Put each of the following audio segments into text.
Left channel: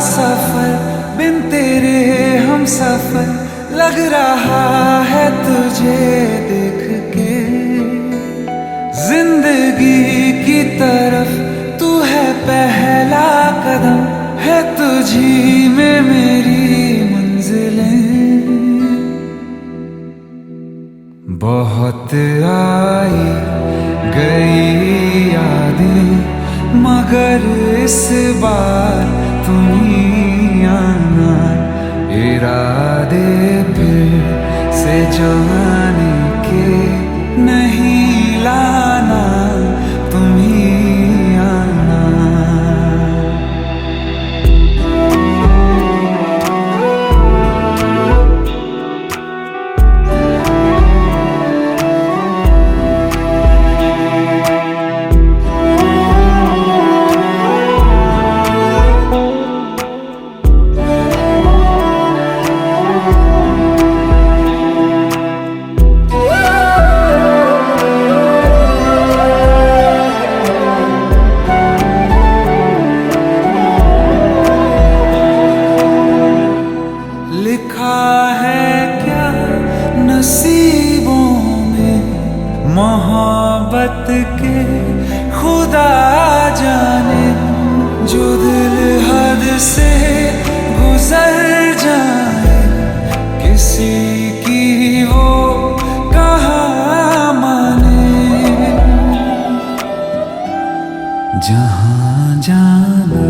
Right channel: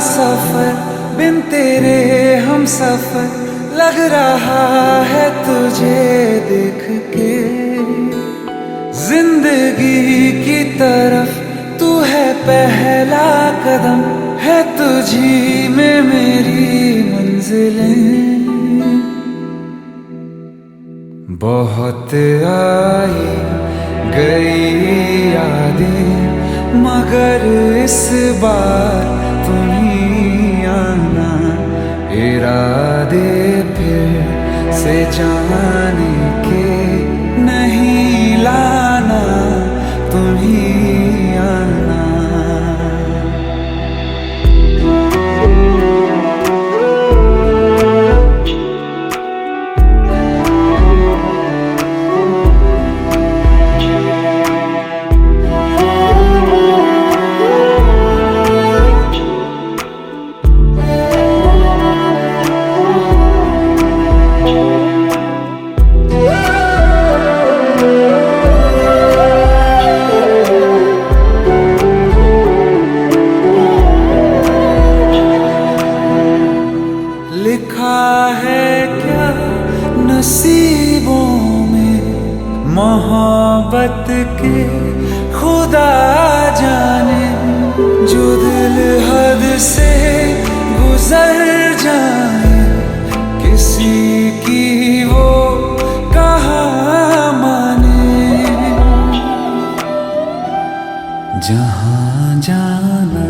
सफर बिन तेरे हम सफर लग रहा है तुझे देख के। जिंदगी की तरफ तू है पहला कदम, है तुझी में मेरी मंजिलें। बहुत आई गई यादें मगर इस बार तुम ही आना। इरादे फिर से जाने के नहीं लाना, तुम ही आना। लिखा है क्या नसीबों में मोहब्बत के खुदा जाने। जो दिल हद से गुजर जाए किसी की वो कहाँ माने। जहाँ जाना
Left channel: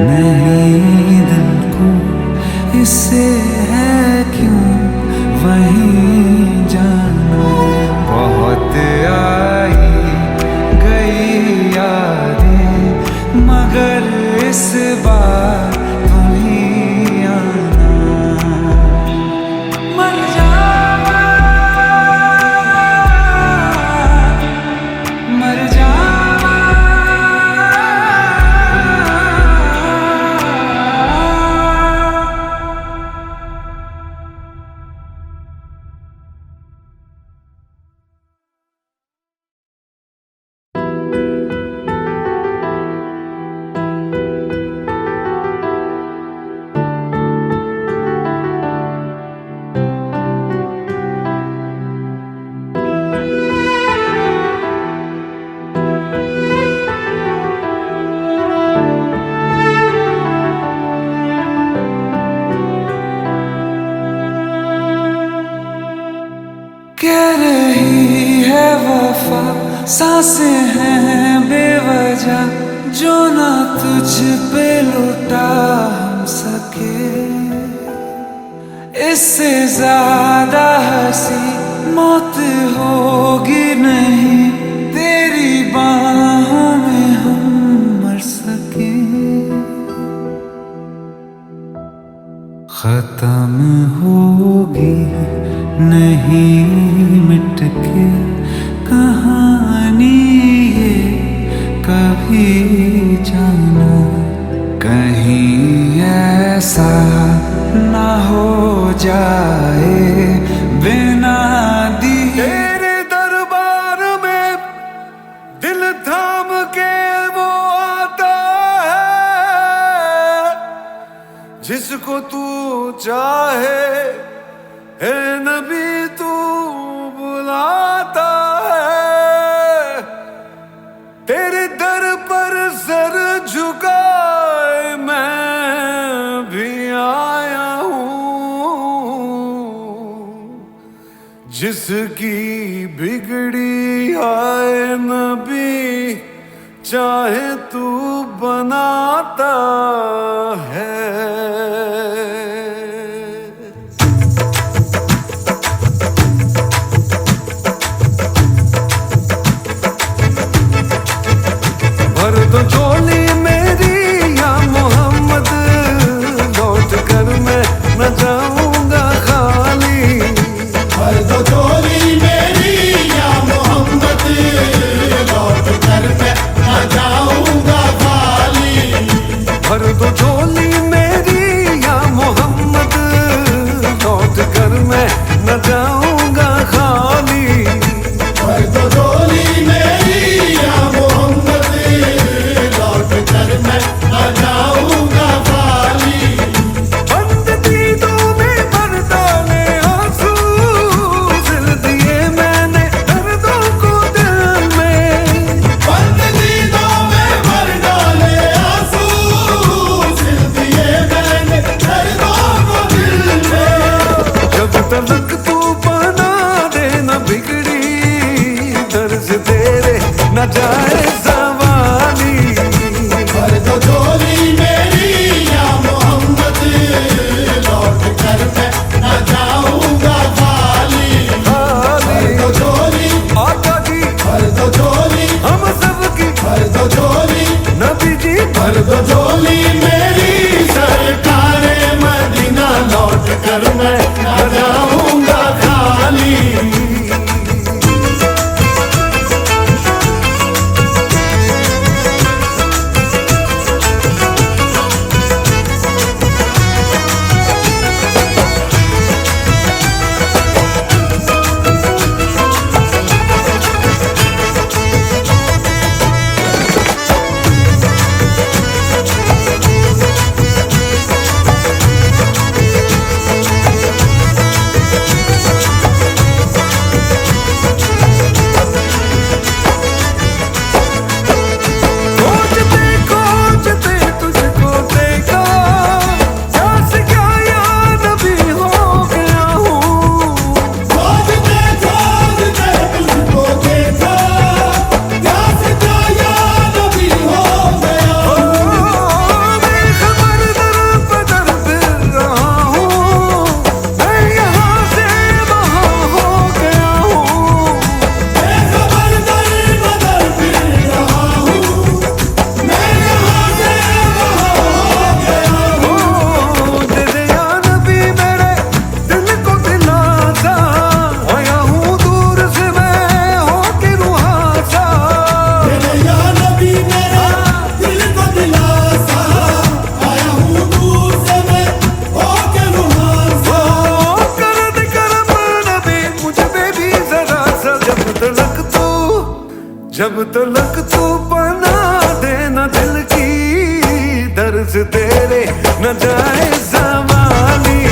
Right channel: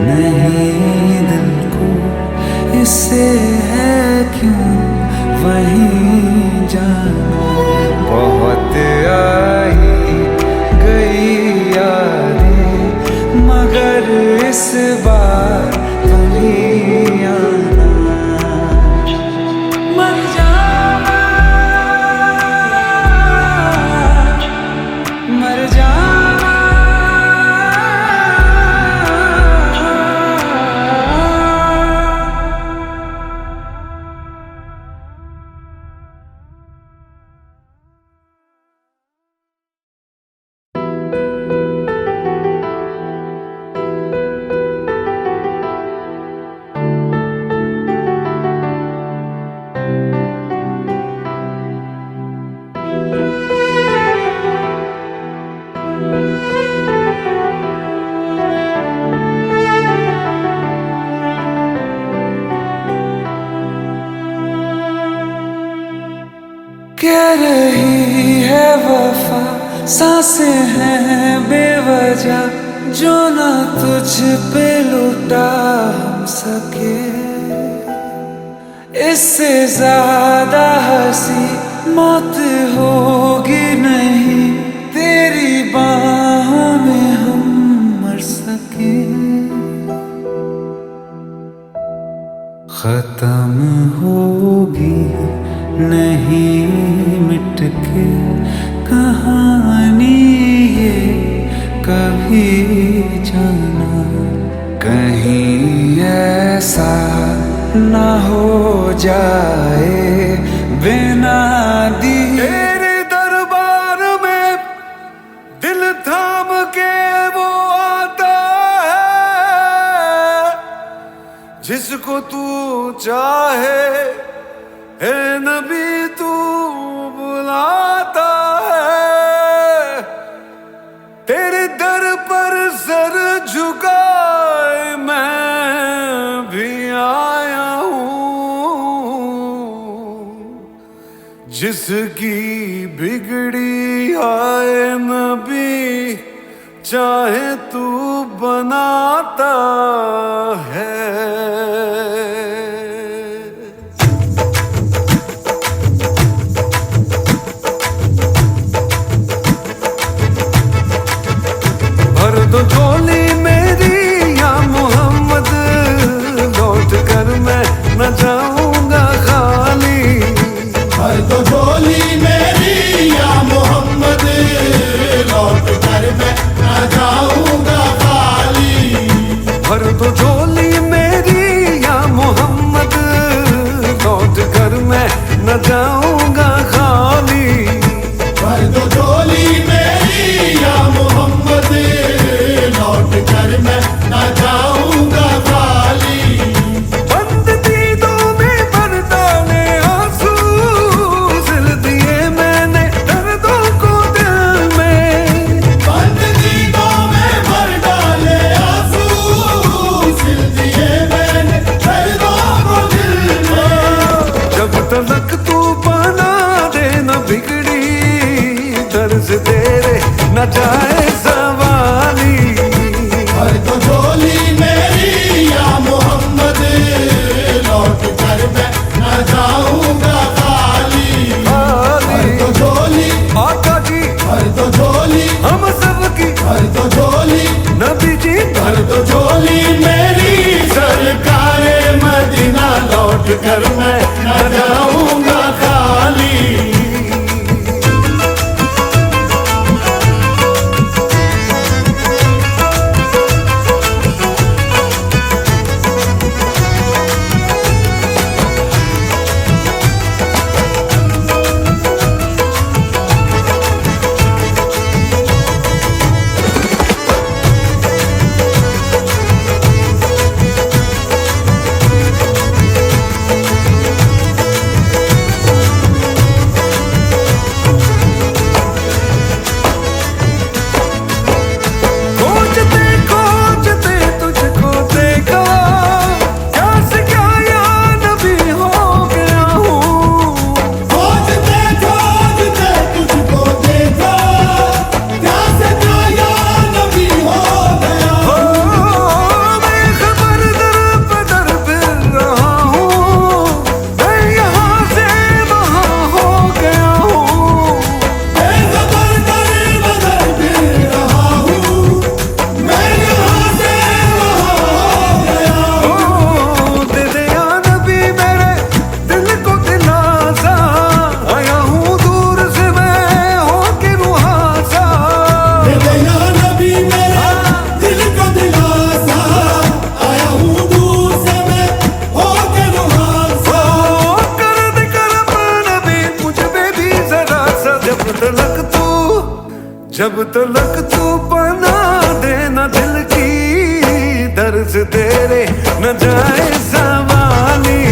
नहीं दिल को इससे है क्यों वहीं जाना। बहुत आई गई यादें मगर इस बार तुम ही आना। मर जावा मर जावा कह रही है वफा, सांसें हैं बेवजह जो ना तुझ पे लुटा हम सके। इससे ज्यादा हंसी मौत होगी नहीं, तेरी बाहों में हम मर सके। खत्म होगी नहीं मिट के कहानी ये कभी जाना। कहीं ऐसा ना हो जाए बिना दिए तेरे दरबार में दिल थाम के वो आता है जिसको तू चाहे। है नबी तू बुलाता है, तेरे दर पर सर झुकाए मैं भी आया हूँ। जिसकी बिगड़ी आए नबी चाहे तू बनाता है। भर दो झोली मेरी या मोहम्मद, लौट कर मैं न जाऊंगा खाली। भर दो झोली मेरी या मोहम्मद, लौट कर मैं न जाऊंगा खाली। भर दो झोली मेरी या मोहम्मद, लौट कर मैं न जाऊंगा खाली। भर दो झोली मेरी या मोहम्मद, लौट कर मैं न जाऊंगा खाली। बना दे न बिगड़ी दर्ज तेरे न जाए सवाली। भर दो झोली मेरी या मोहम्मद, लौट कर मैं न जाऊंगा खाली। खाली भर दो झोली आका जी, भर दो झोली हम सबकी भर दो झोली नबी जी, भर दो झोली मेरी सरकारे मदीना, लौट कर मैं न जाऊंगा खाली। खोजते तुझको देखा, क्या से क्या या नबी हो गया हूँ। खोजते खोजते तुझको देखा, क्या से क्या या नबी हो गया। हो मैं खबर दर बदर फिर रहा हूँ, मैं यहाँ से वहाँ हो गया हूँ। मैं खबर दर बदर फिर रहा हूँ, मैं यहाँ से वहाँ हो गया। ओ दे दे या नबी मेरे दिल को दिलासा, आया हूँ दूर से मैं होके रुहासा। या नबी मेरा दिल को दिलासा, आया हूँ दूर से मैं होके रुहासा। ओ कर दे करम नबी मुझ पे भी जरा सा, जब तलक तू बना देना दिल की दर्ज तेरे न जाए सवाली।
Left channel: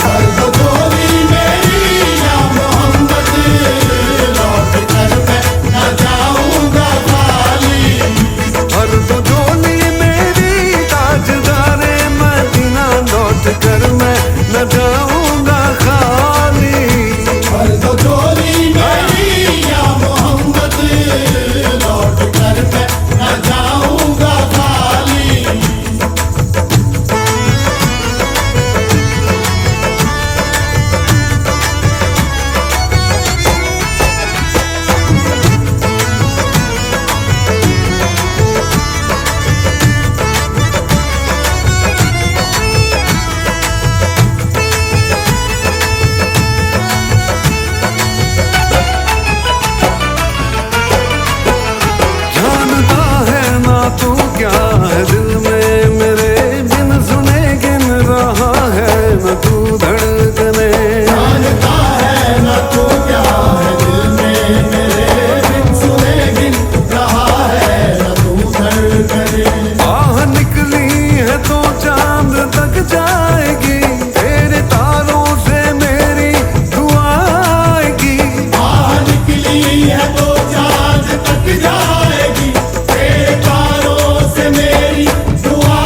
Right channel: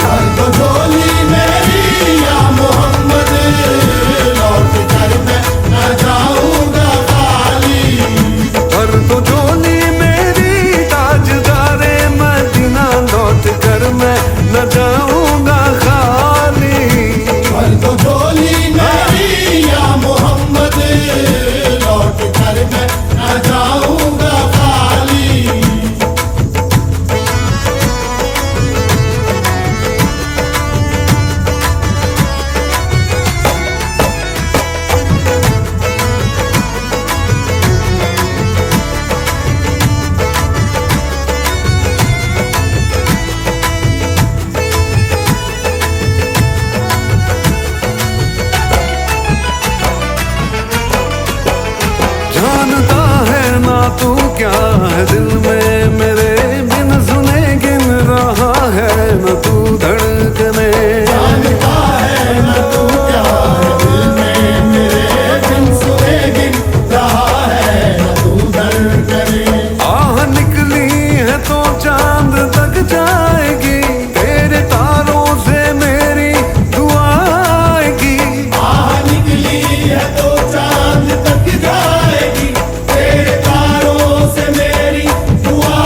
भर दो झोली मेरी या मोहम्मद, लौट कर मैं न जाऊंगा खाली। भर दो झोली मेरी ताजदारे मदीना, लौट कर मैं न जाऊंगा खाली। भर दो झोली मेरी या मोहम्मद, लौट कर मैं न जाऊंगा खाली। जानता है ना तू क्या है दिल में मेरे, बिन सुने गिन रहा है न तू धड़कने। जानता है ना तू क्या है दिल में मेरे, बिन सुने गिन रहा है ना तू धड़कने। आह निकली है तो चांद तक जाएगी, तेरे तारों से मेरी दुआ आएगी। आह निकली है तो चांद तक जाएगी, तेरे तारों से मेरी दुआ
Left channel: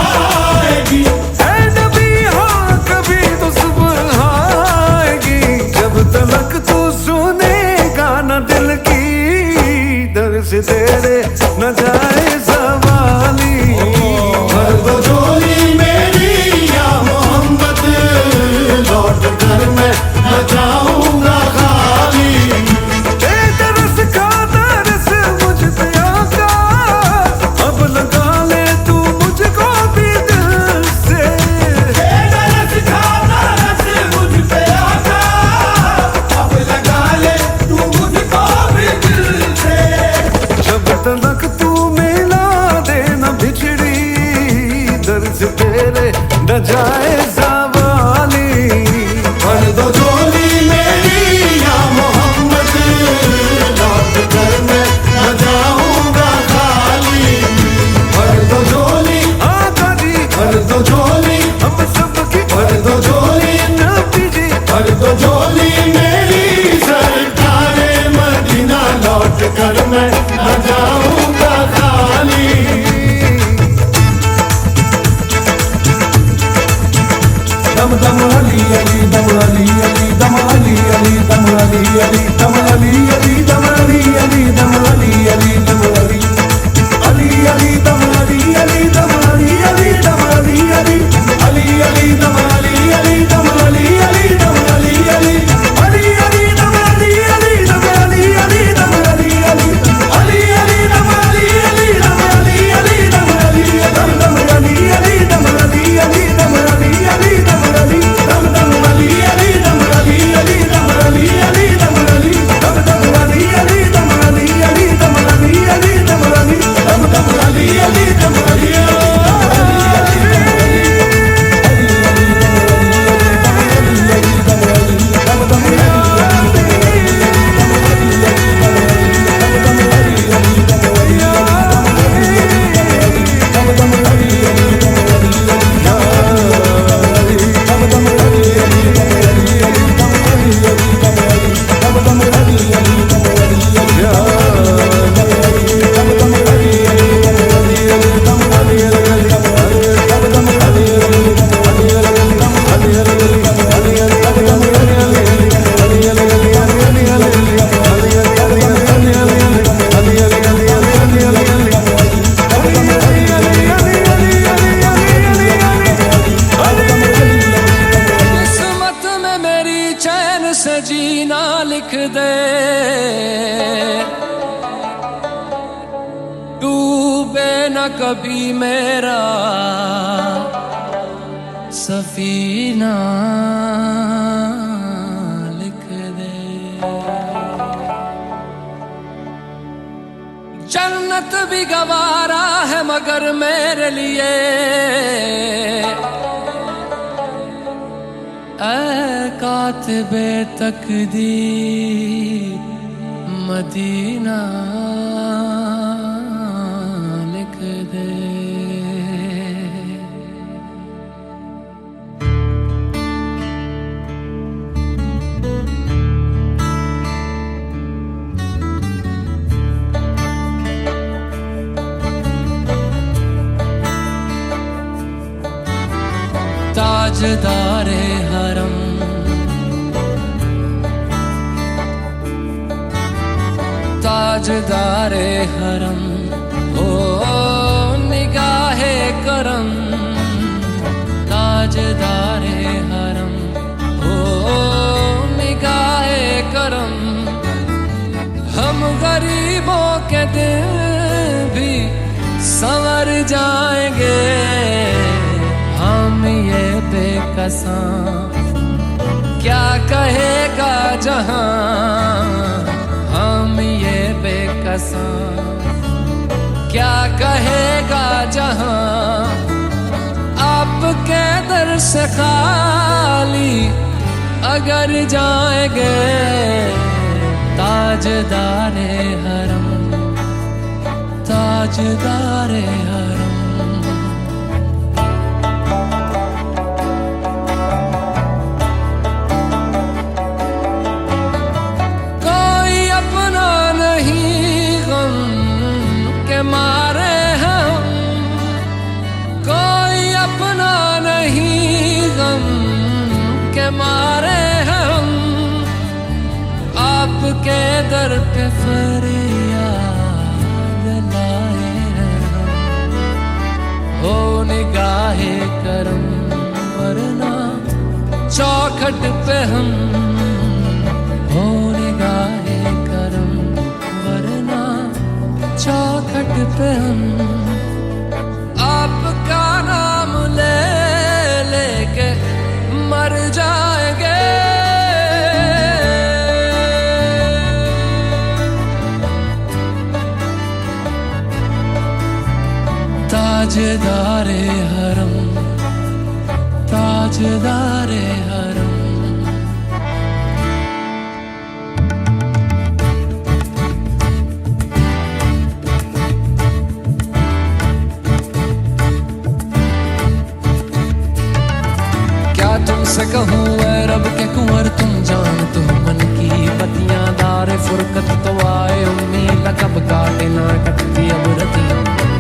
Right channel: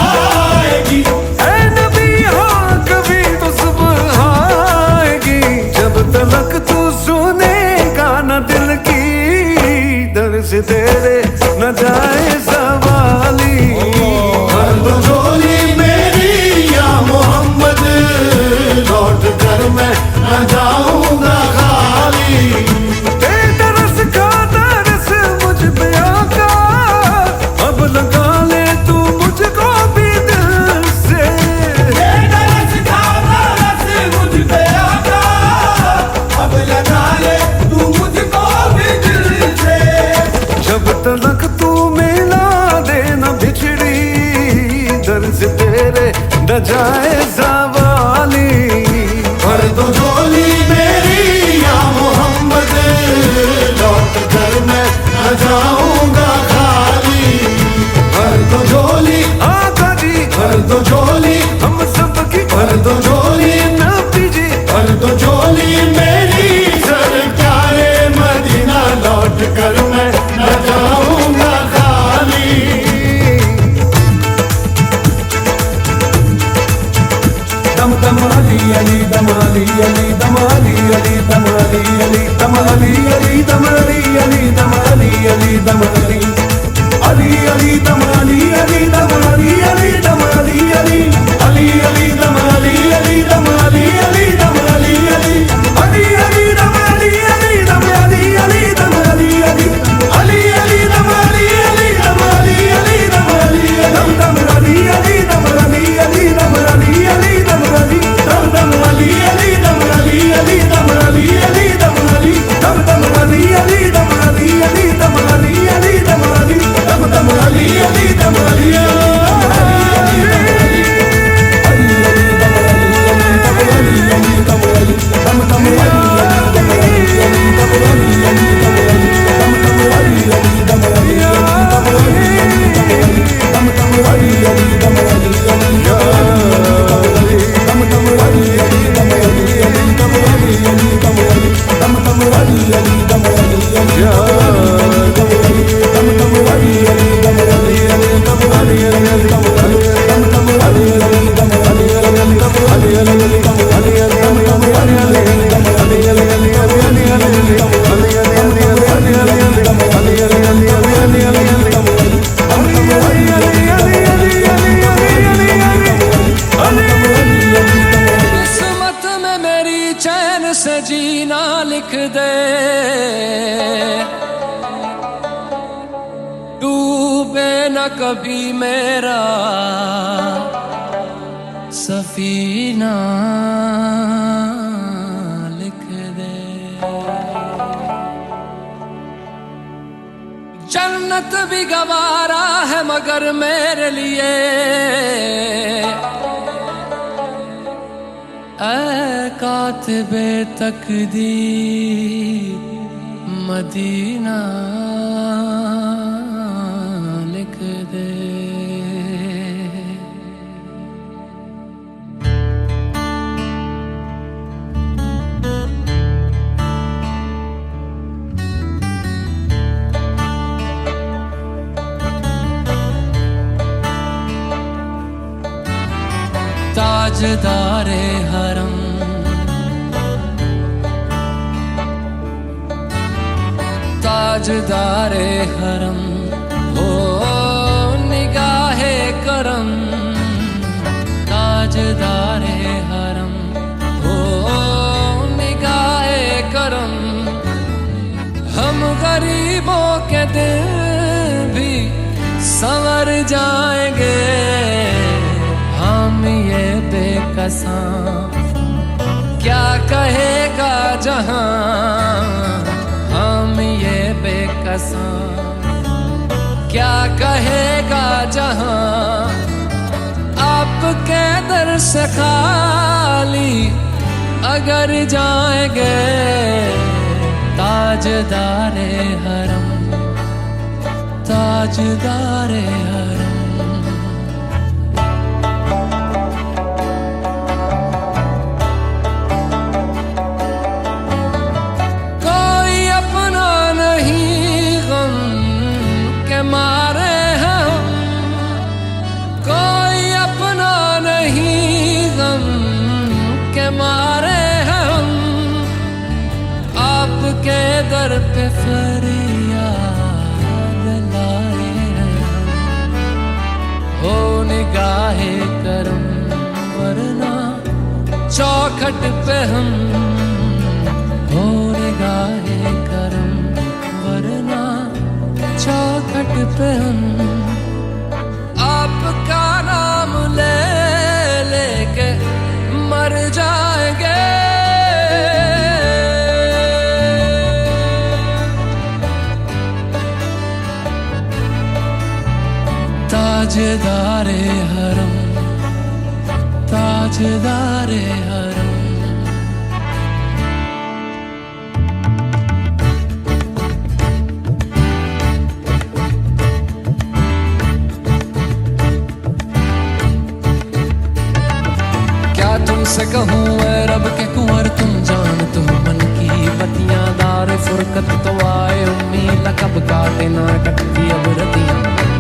आएगी। ऐ नबी हाँ कभी तो सुबह आएगी, जब तलक तू सुनेगा न दिल की दर्द से तेरे न जाए सवाली। भर दो झोली मेरी या मोहम्मद, लौट कर मैं न जाऊंगा खाली। दे तरस का तरस मुझ पे आका, अब लगा ले तू मुझको भी दिल से। तरस खाता रस मुझ पे आका, अब लगा ले तू मुझको भी दिल से। जब तलक तू मिला देना बिछड़ी दर्द तेरे न जाए सवाली। भर दो झोली मेरी या मोहम्मद, लौट कर मैं न जाऊंगा खाली। भर दो झोली आका जी, भर दो झोली हम सबकी, भर दो झोली नबी जी, भर दो झोली मेरी सरकारे मदीना, लौट कर मैं न जाऊंगा खाली। दम दम अली अली, दम अली अली, दम अली अली, चैन से जीना लिख दे, डूबे न कभी मेरा सफीना लिख दे। जन्नत भी गवारा है मगर मेरे लिए ऐ कातिबे तकदीर मदीना लिख दे। ताजदारे हरम ताजदारे हरम हो निगाहे करम, ताजदारे हरम हो निगाहे करम। हम गरीबों के दिल भी संवर जाएंगे, हम ये बेकसां क्या कहेगा जहां, हम ये बेकसां क्या कहेगा जहां। आपके दर से खाली अगर जाएंगे, ताजदारे हरम ताजदारे हरम। मारे हम कोई अपना नहीं, गम के मारे हम आपके दर पे फरियाद लाए हैं हम। हो निगाहे करम वरना चौखट पे हम, हो निगाहे करम वरना चौखट पे हम। आपका नाम ले लेके मर जाएंगे, ताजदारे हरम ताजदारे हरम। तुमसे कहूँ ऐ रब के कुंवर तुम जानते हो मन की बतियां। दारे फुरकत तो आए उम्मीद कब काटे ना कटती अब रतियां।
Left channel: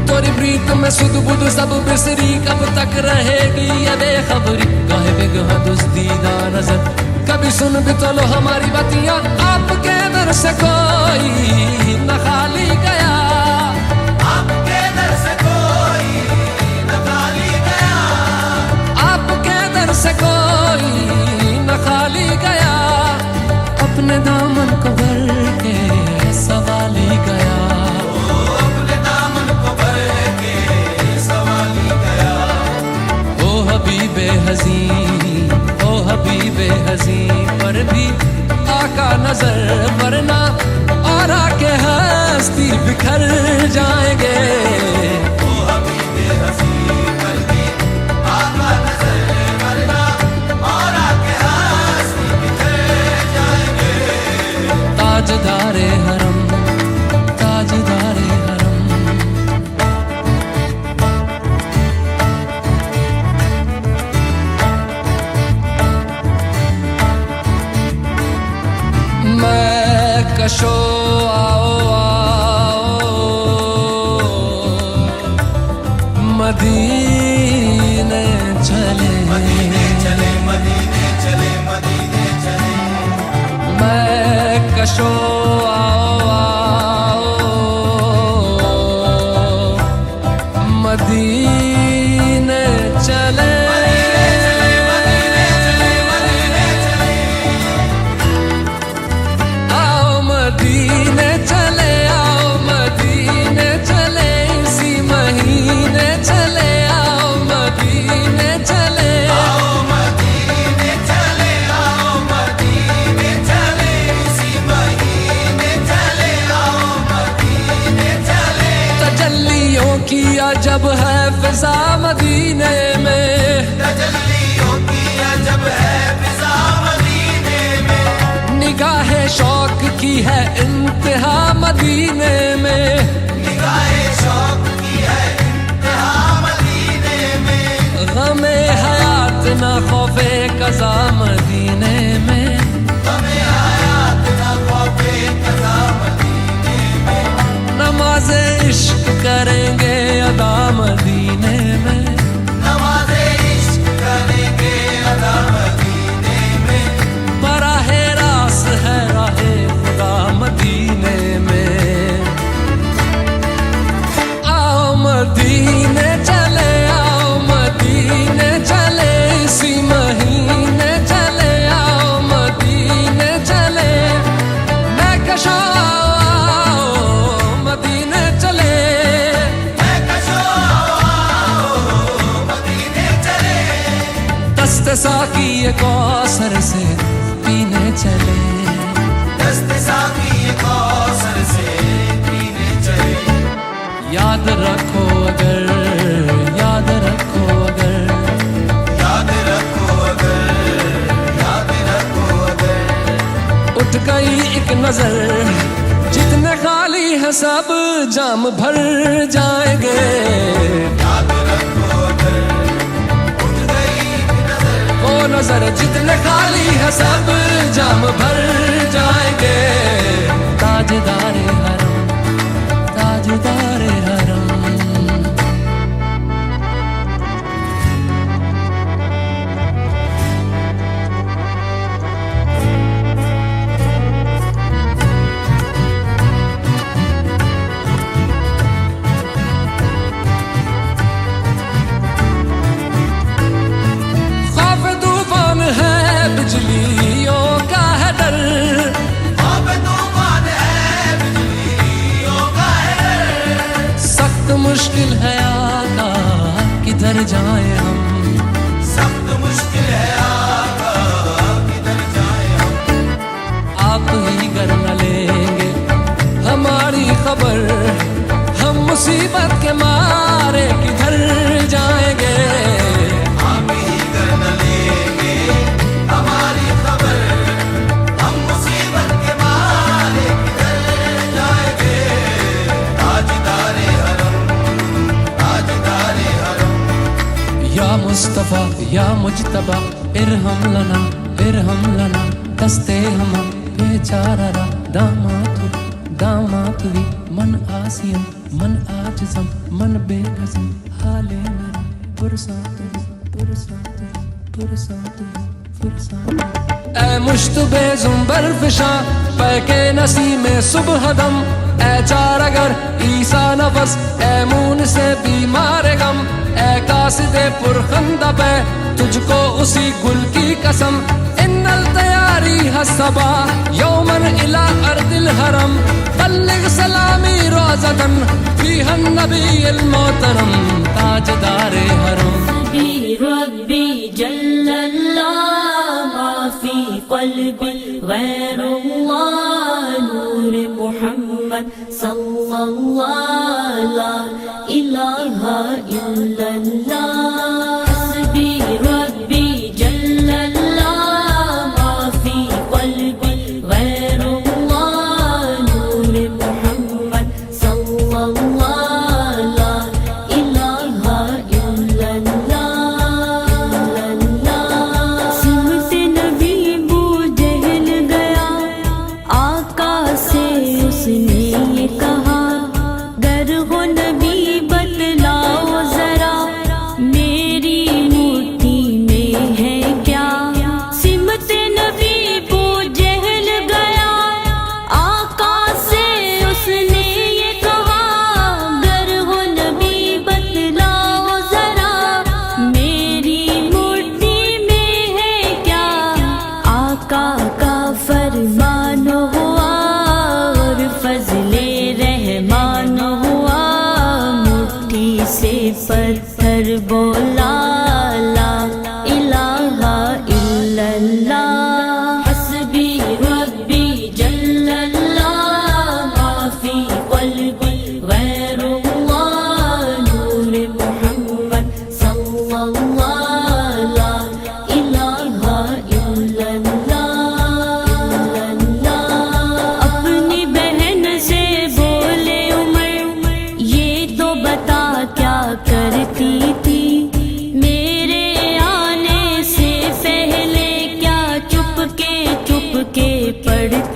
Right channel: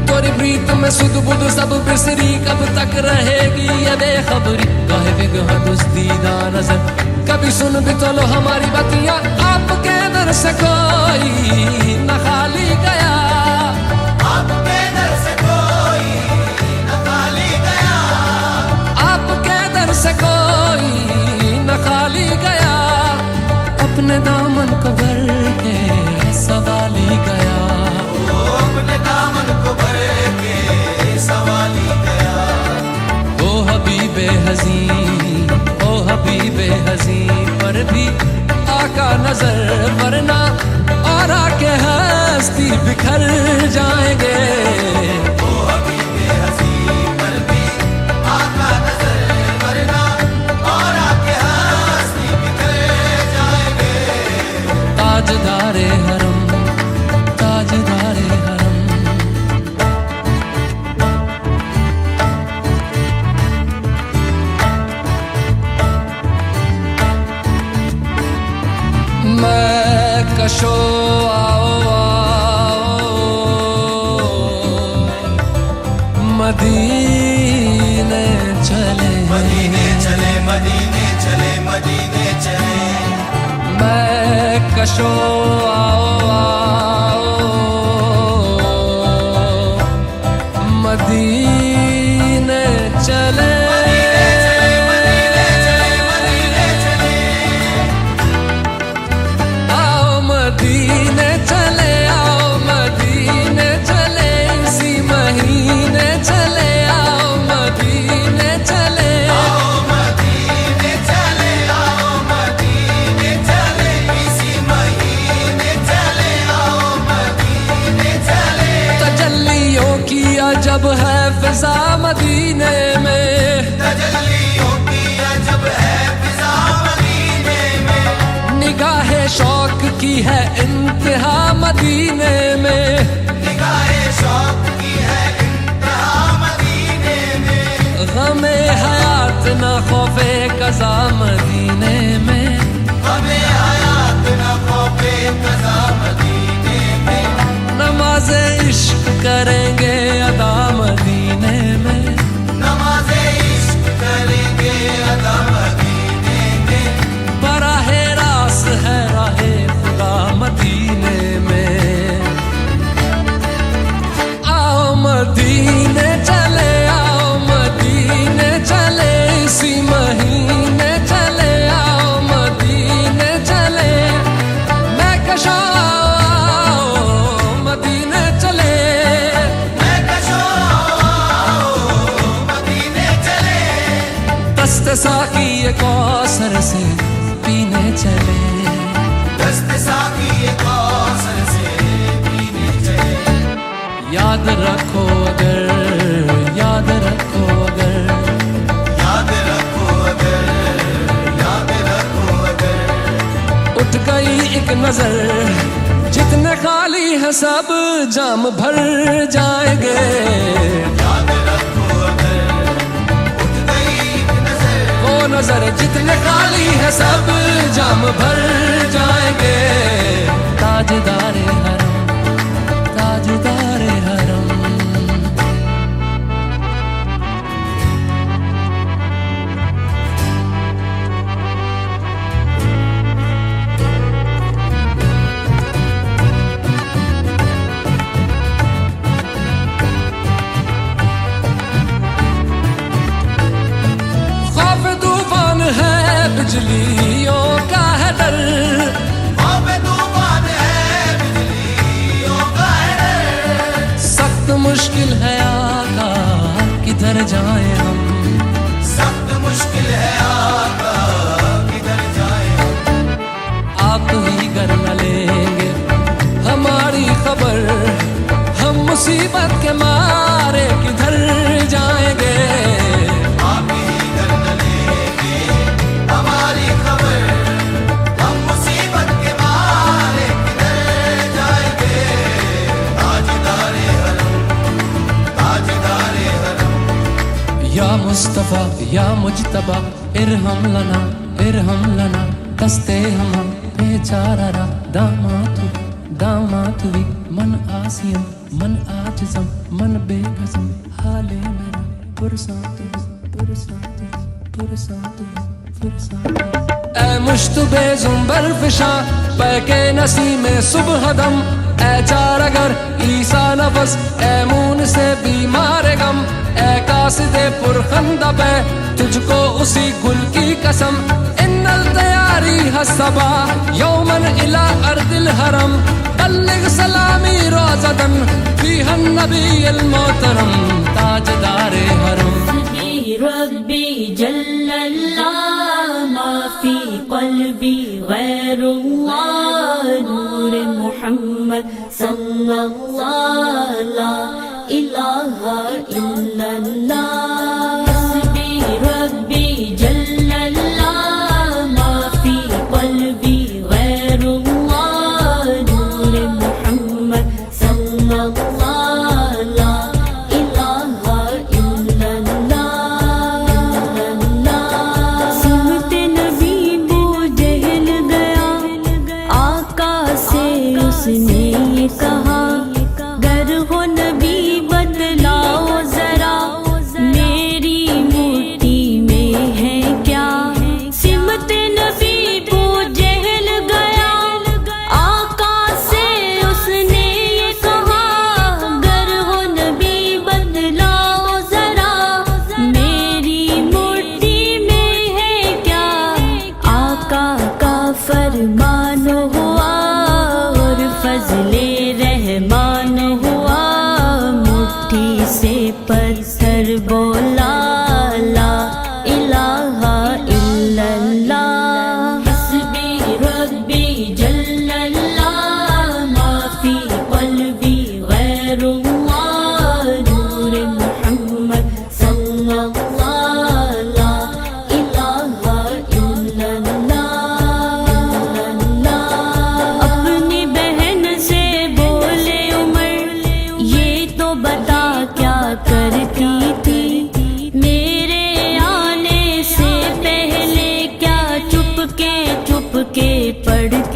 तोरी प्रीत में सुध बुध सब बिसरी, कब तक रहेगी ये बेखबरी। काहे बेगहा दुस्तीदा नजर कभी सुन भी तो लो हमारी बतियां। आपके दर से कोई न खाली गया, आपके दर से कोई न खाली गया, आपके दर से कोई न खाली गया। अपने दामन को भर के सवाली गया, अपने दामन को भर के सवाली गया। ओ हबीबे हज़ी, ओ हबीबे हज़ी, पर भी आका नजर वरना और आके हस्ती बिखर जाएंगे। ताजदारे हरम ताजदारे हरम। मैं कशो आओ आओ मदीने चले, मदीने चले, मदीने चले, मदीने चले। मैं कशो आओ आओ मदीने चले, जब है फिजा मदीने में, तजल्ली होती है जब है फिजा मदीने में, निगाहे शौक की है इंतहा मदीने में, निगाहे शौक की है इंतहा मदीने में, गमे हयात न खौफे कज़ा मदीने में, हमें हयात न खौफे कज़ा मदीने में, नमाज़े इश्क करेंगे अदा मदीने में, नमाज़े इश्क करेंगे अदा मदीने में, बराहे रास है राहे खुदा मदीने में। आओ मदीने चले, आओ मदीने चले, इसी महीने चले, आओ मदीने चले, मैं कशा आओ मदीने चले, मैं कशो मदीने चले, दस्ते साकी ये कौसर से पीने चले, दस्ते साकी कौसर से पीने चले, याद रखो अगर, याद रखो अगर, याद रखो अगर, याद रखो अगर, उठ गई एक नजर, जितने खाली है सब जाम भर जाएंगे, याद रखो अगर, उठ गई नजर, वो नजर जितने खाली है सब जाम भर जाएंगे, ताजदारे हरम, ताजदारे हरम। खौफ तूफान है बिजलियों का है डर, अब तूफान है बिजलियों का है डर, सख्त मुश्किल है आका किधर जाएं हम, सख्त मुश्किल है आका किधर जाए हम, आप ही कर न लेंगे हमारी खबर, हम मुसीबत के मारे किधर जाएंगे, आप ही कर न लेंगे हमारी खबर, हम मुसीबत के मारे किधर जाएंगे, ताजदारे हरम, ताजदारे हरम, या मुस्तफा या मुजतबा इरहम लना, इरहम लना, दस्ते हम बेचारा दामातु, दामातुवी मन आसियम, मन आजिज़म, मन बेकसम, हाले मेरा पुरसातु, पुरसातु, पुरसातु, पुरसातु। ऐ मुश्तबे ज़ुंबर फिशा पैके नसी में सुबह दम, ऐ चार अगर ईसा नफस, ऐ मून से बीमार गम, ऐ कासिदे पुरखंदा पे तुझको उसी गुल की कसम, इन्नल तैयारी हसबा यौमन इला अर्दिल हरम, बल्लिग सलामी रोज़तन फीहन नबील मोहतरम, ताजदारे हरम। रब्बी जल्लल्लाह मा फी क़ल्बी गैरुल्लाह, नूर मुहम्मद सल्लल्लाह ला इलाहा इल्लल्लाह, रब्बी जल्लल्लाह मा फी क़ल्बी गैरुल्लाह, नूर मुहम्मद सल्लल्लाह ला इलाहा इल्लल्लाह, सिमत नबी बू जहल गया, आका से उसने ये कहा, गर हो नबी बतलाओ जरा, मेरी मुट्ठी में है क्या, सिमत नबी बू जहल गया, आका से उसने ये कहा, गर हो नबी बतलाओ जरा, मेरी मुट्ठी में है क्या, आका का फरमान हुआ और फजल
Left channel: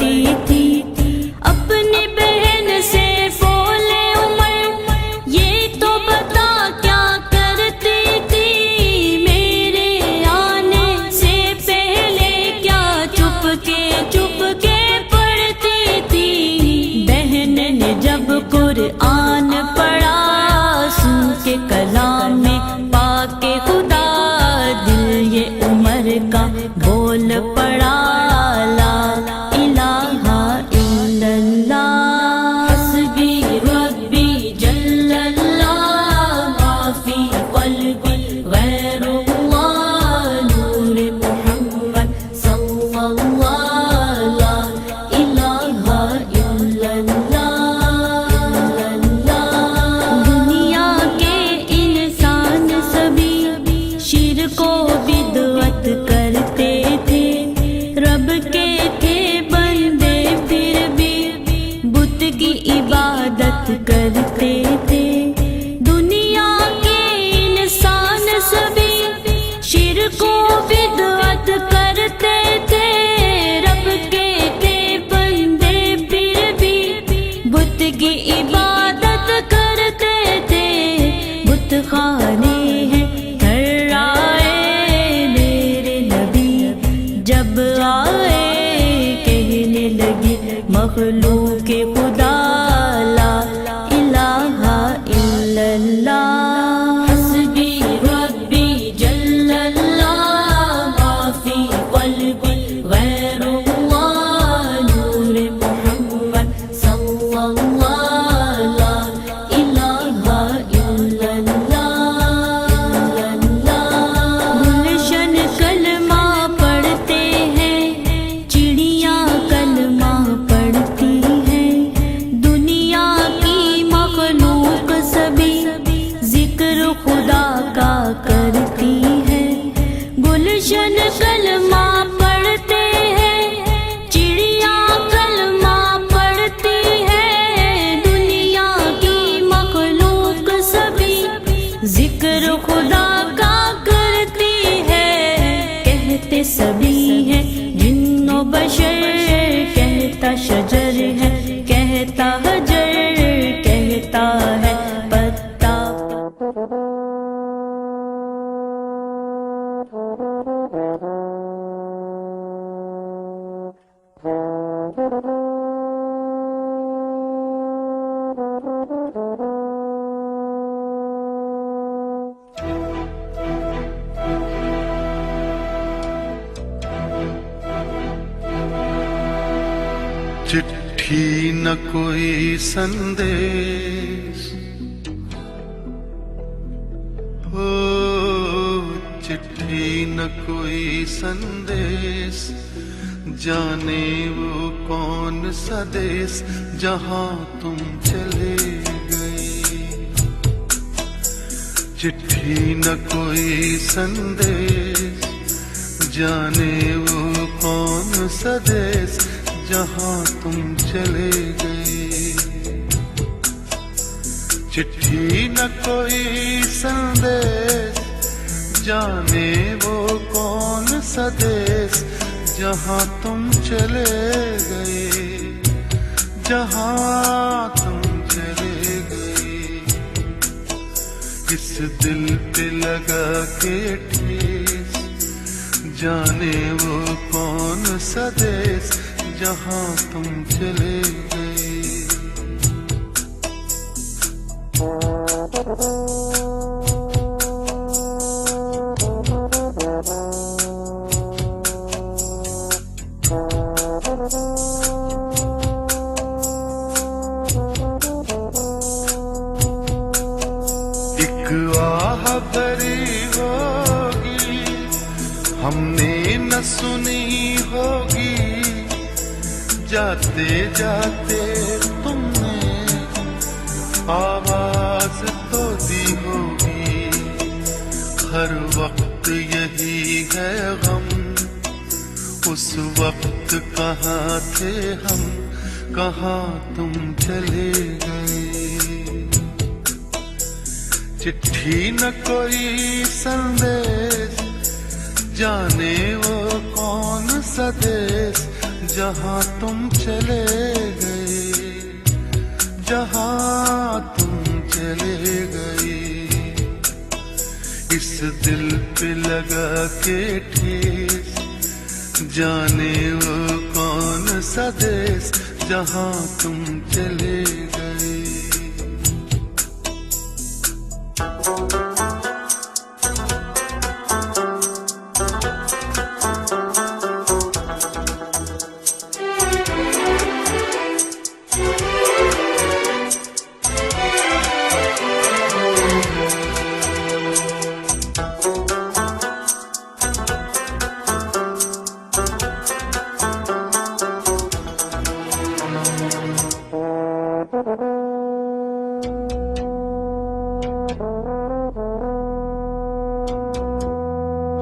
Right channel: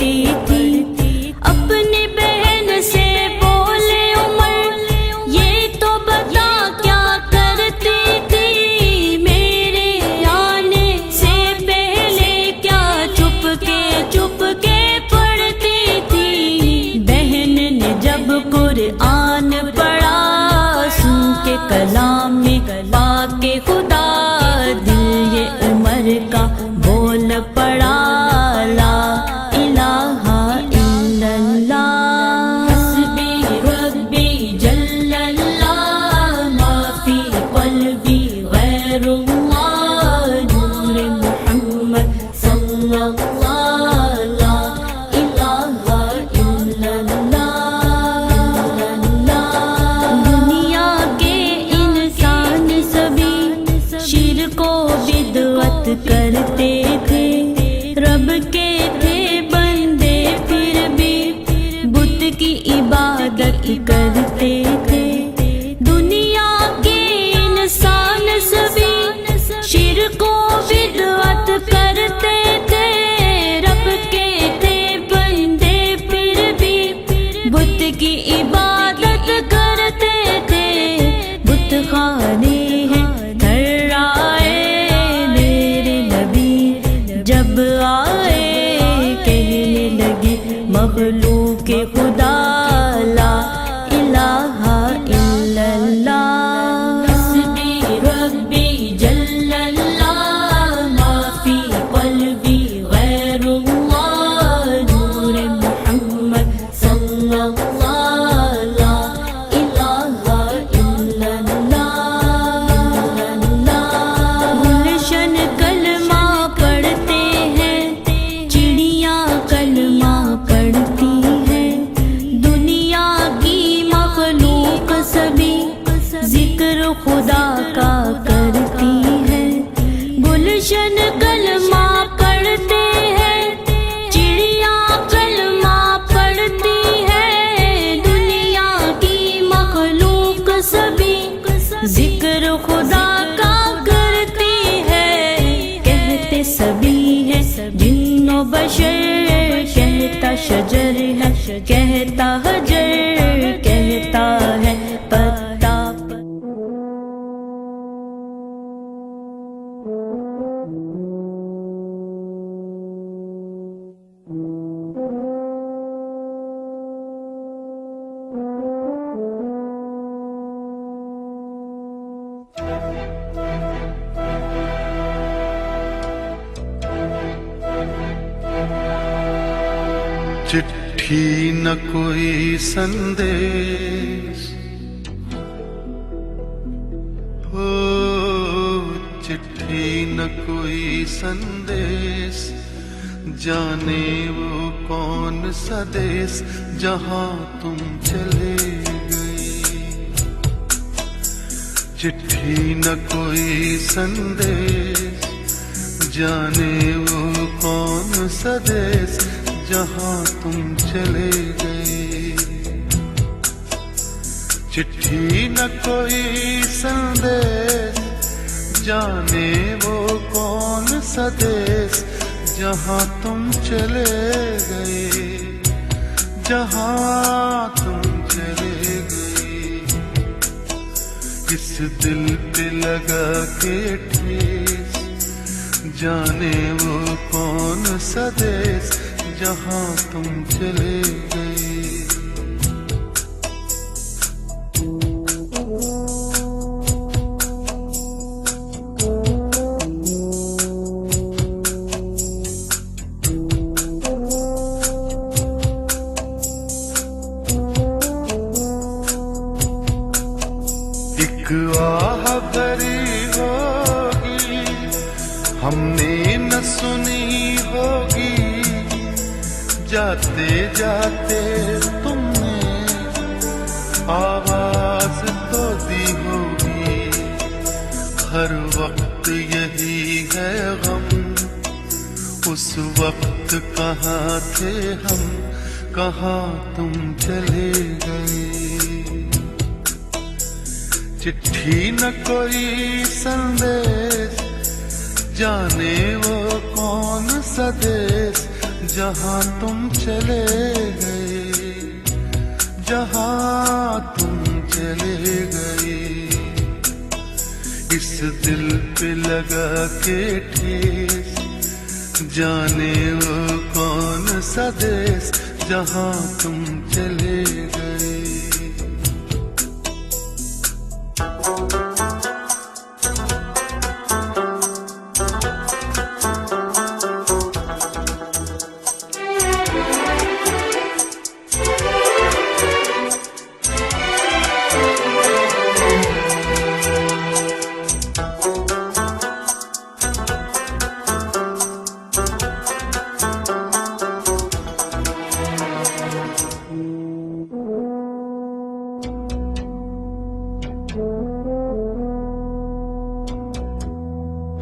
करती थी। अपनी बहन से बोले उमर ये तो बता क्या करती थी। मेरे आने से पहले क्या चुपके पढ़ती थी। बहन ने जब कुरान पढ़ा सुन के कलाम में पाके खुदा दिल ये उमर का बोल पड़ा ला इलाहा इल्लल्लाह। हस्बी रब्बी जल्लल्लाह माफी क़ल्बी गैरुल्लाह नूर मुहम्मद सल्लल्लाह ला इलाहा इल्लल्लाह। दुनिया के इंसान सभी शिर्क व बिदअत करते थे। रब के थे बंदे फिर भी बुत की इबादत करते थे। दुनिया के इंसान सभी शिर्क व बिदअत करते थे। रब के थे बंदे फिर भी बुत की इबादत करते थे। बुत खाने हैं थर्राए मेरे नबी जब आए कहने लगी मखलूक खुदा ला इलाहा इल्लल्लाह। हस्बी रब्बी जल्लल्लाह माफी क़ल्बी गैरुल्लाह नूर मुहम्मद सल्लल्लाह ला इलाहा इल्लल्लाह। गुलशन कलमा पढ़ते हैं चिड़ियाँ कलमा पढ़ती हैं। दुनिया की मखलूक सभी जिक्र खुदा का करती है। गुलशन कलमा पढ़ते हैं चिड़ियाँ कलमा पढ़ती है। दुनिया की मखलूक सभी जिक्र खुदा का करती है। कहते सभी है जिन्नो बशर कहता शजर है कहता हजर कहता है पत्ता। चिट्ठी न कोई संदेश हो, चिट्ठी न कोई संदेश जाने वो कौन सा देश जहां तुम चले गए। चिट्ठी न कोई संदेश जाने वो कौन सा देश जहां तुम चले गए। चिट्ठी न कोई संदेश जाने वो कौन सा देश जहां तुम चले गए। जहां तुम चले गए। इस दिल पे लगा के ठेस जाने वो कौन सा देश जहां तुम चले गए। एक आह भरी होगी हमने न सुनी होगी। जाते जाते तुमने आवाज तो दी होगी। हर वक्त यही है गम उस वक्त कहाँ थे हम कहाँ तुम चले गए। चिट्ठी न कोई संदेश जाने वो कौन सा देश जहां तुम चले गए, जहां तुम चले गए। इस दिल पे लगा के ठेस, जाने वो कौन सा देश, जहां तुम चले गए।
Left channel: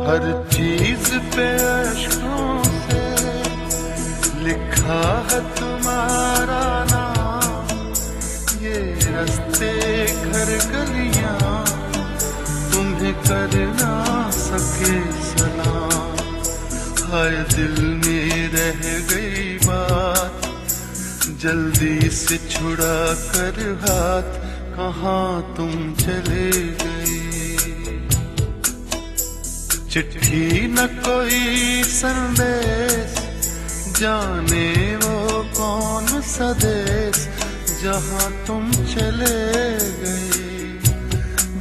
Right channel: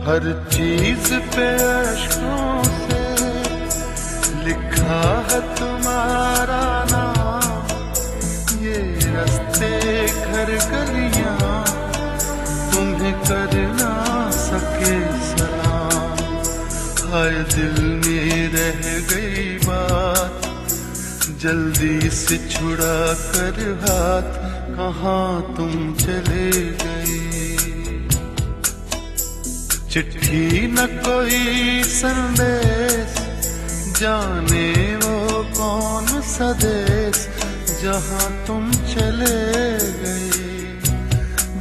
हर चीज पे अश्कों से लिखा है तुम्हारा नाम, ये रास्ते घर गलियां तुम्हें कर ना सके सलाम। हाय दिल में रह गई बात, जल्दी से छुड़ा कर हाथ, कहाँ तुम चले गए। चिट्ठी न कोई संदेश, जाने वो कौन सा देश, जहां तुम चले गए,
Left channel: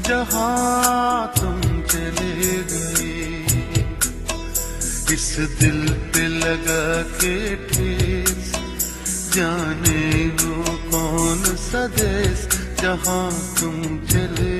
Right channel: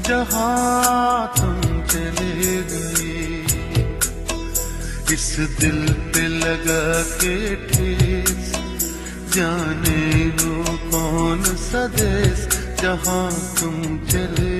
जहां तुम चले गए। इस दिल पे लगा के ठेस, जाने वो कौन सा देश, जहां तुम चले